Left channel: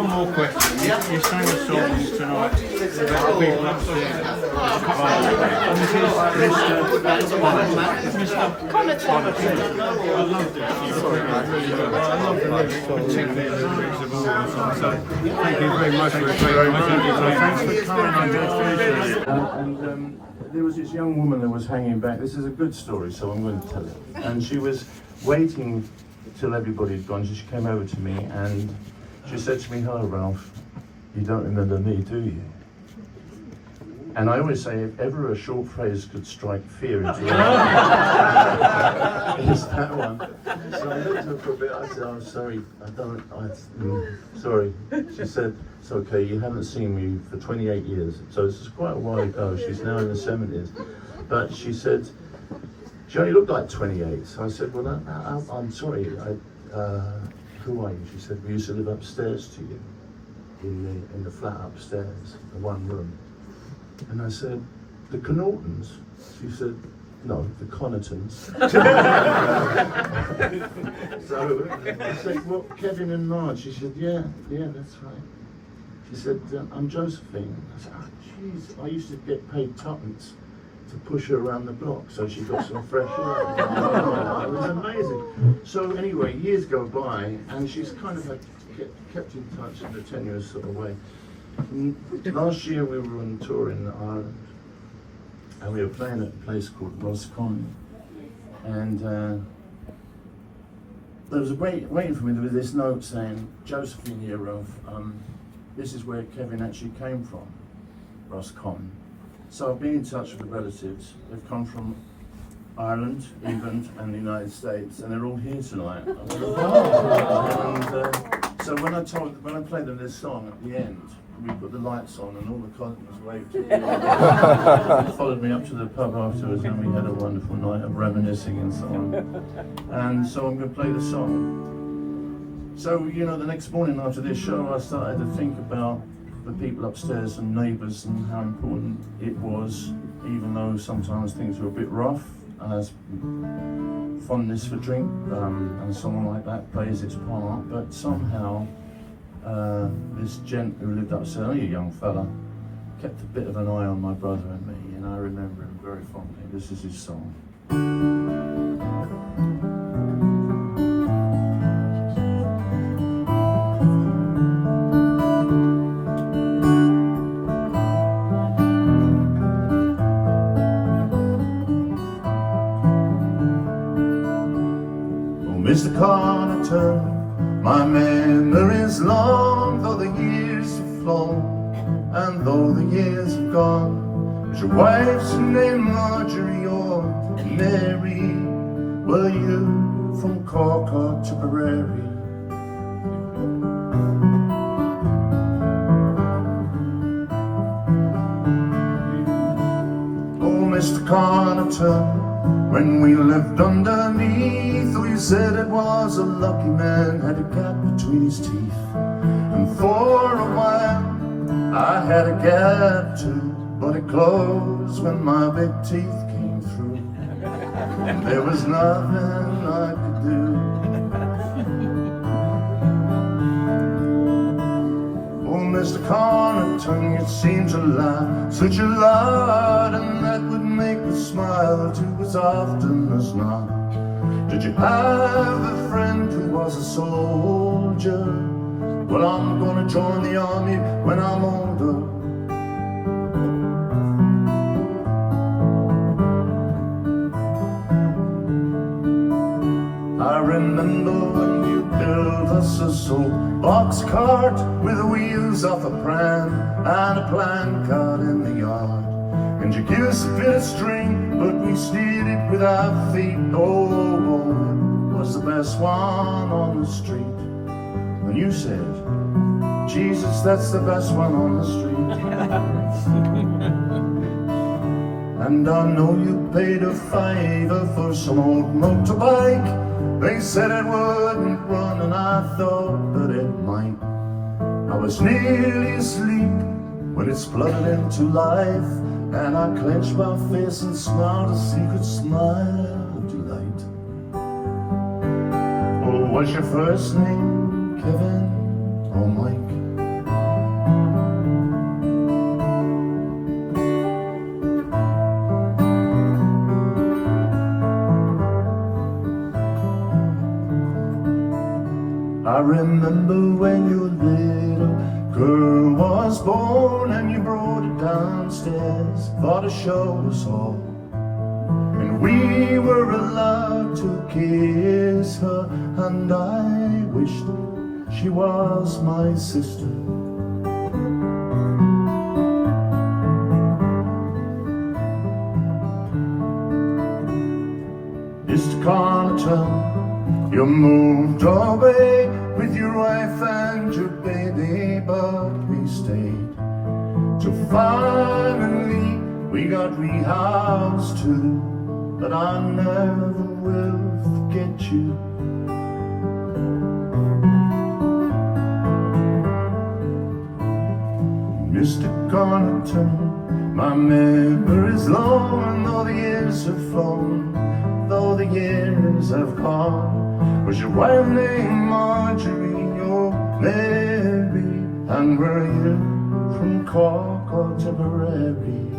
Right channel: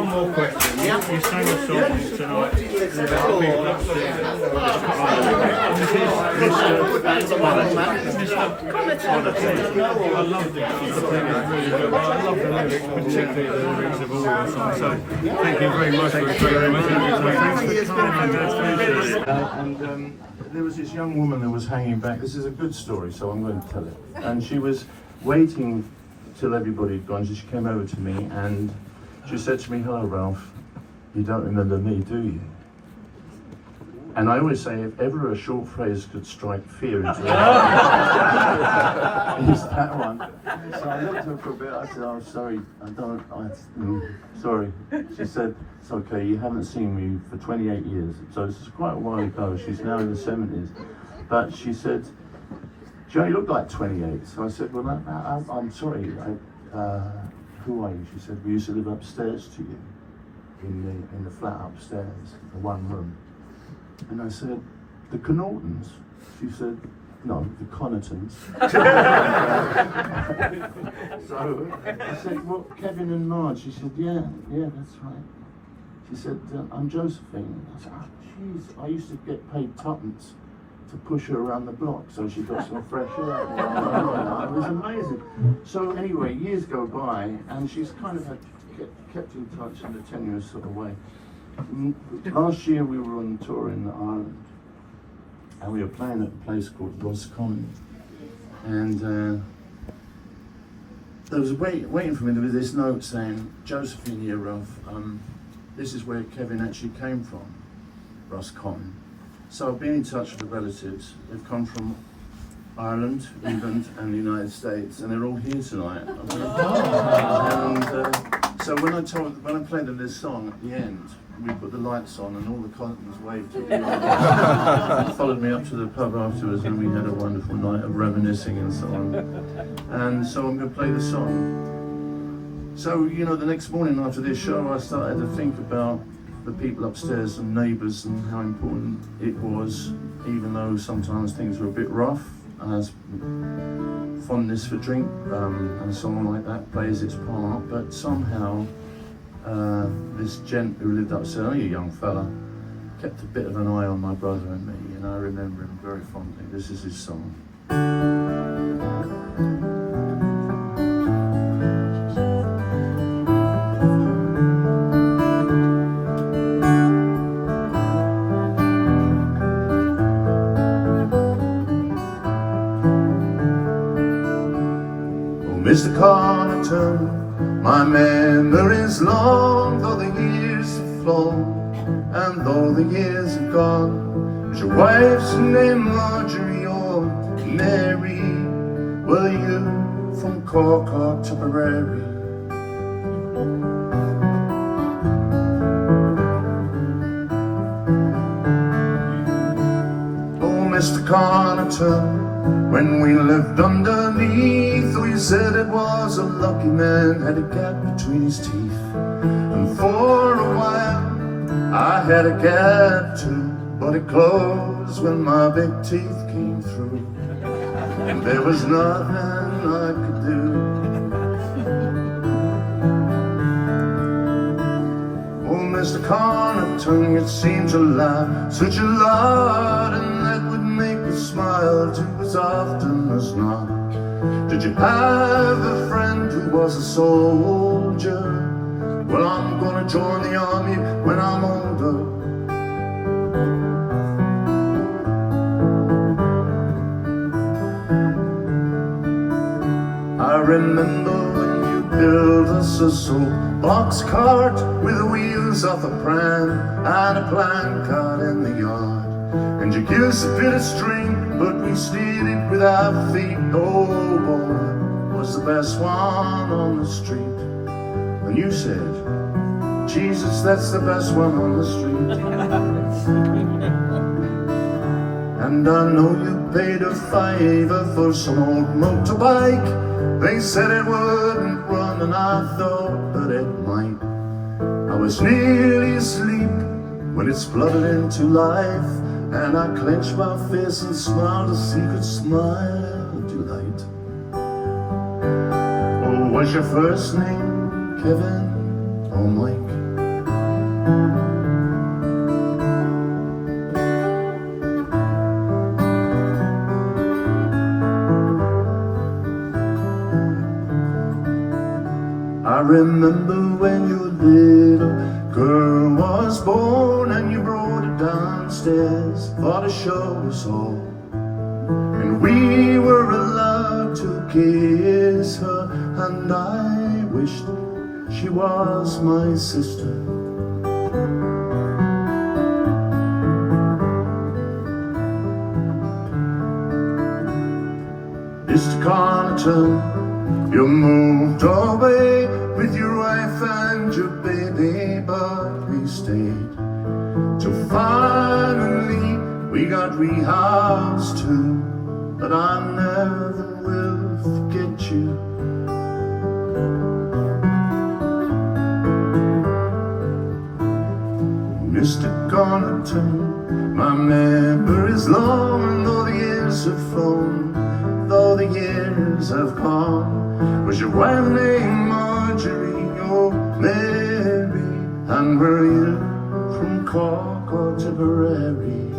one more question. Yeah. You sang a song tonight about the people upstairs. This is Mr. Connaughton. I loved it. Really good. I love the lyrics, particularly the lyrics of all the songs. So thank you very much for a great night. Thanks for coming. There was this young woman that was hanging back. This is a good story, so I'm going to tell it. And she was waiting till everybody had gone. She came over to me and she said to me, "Hello, Ralph. You don't remember me, do you?" And I always say, if ever a short phrase could strike fear into your heart, it's that one. So I looked at her for a bit. I said, "Oh, sorry, sorry." She said, "It's okay. You haven't seen me for 28 years." So this is quite a while ago. She's now in the 70s. But she said, she only looked like 28. So I said, "Well, I'm sorry. Who are you?" She said, "We used to live upstairs to you, in the flat upstairs, the one room." And I said, "The Connaughtons?" She said, "No, the Connaughtons." So I said, "Well, Kevin and Marge?" She said, yeah, that's right." She said, "I'm Josephine." I said, "Oh, jeez, I used to get paid tuppence to push her around the block so she got some fresh air." It was amazing. So anyway, years go by and she's kind of kept in touch in a tenuous sort of way. Last year we were on tour in Ireland and we were playing at a place called Connaughton, and there was waiting for me with this note saying, "Josephine here, Ralph, this is where Kevin actually came from, Connaughton." So I've been in touch with the relatives. They've come from Ireland, England and the United States, and they're all here tonight. So when I played them this song at the end, we put the lights on and all the Connaughtons waved to me. They followed me up to the pub afterwards and we had a wonderful night of reminiscing and so on. And so I'm going to play the song. So, the next morning after this show I started to think about the people upstairs and neighbours and how important it was, even though sometimes things were a bit rough, as fondness for drink and someone like that plays its part, but somehow this gent who lived upstairs, only a young fella, kept a bit of an eye on my brother and me, and I remember him very fondly. This is his song. Mr. Connaughton, my memory's long, though the years have flown, and though the years have gone. Is your wife's name Marjorie or Mary? Were you from Cork or Tipperary? Oh, Mr. Connaughton, when we lived underneath, we said it was a lucky man had a gap between his teeth. And for a while I had a gap too, but it closed when my big teeth came through, and there was nothing I could do. Oh, Mr. Connaughton, it seems a lot, such a lot, and that would make me smile too as often as not. Did you have a friend who was a soldier? Well, I'm gonna join the army when I'm older. I remember when you built us a soapbox cart with the wheels off a pram and a placard in the yard. And you gave us a bit of string, but we steered it with our feet. Oh boy, was the best one on the street. And you said, Jesus, that's the best one on the street. And I know you paid a $5 for some old motorbike. They said it wouldn't run, and I thought that it might. I was nearly asleep when it spluttered into life, and I clenched my fist and smiled a secret smile of delight. Oh, was your first name Kevin or Mike. I remember when your little girl was born and you brought her downstairs for to show us all. And we were allowed to kiss her, and I wished she was my sister. Mr. Connaughton, you moved away with your wife and your baby, but we stayed till finally we got rehoused too. But I never will forget you. Mr. Connaughton, my memory's long, and though the years have flown, though the years have gone, was your wife named Marjorie, oh Mary, and were you from Cork or Tipperary?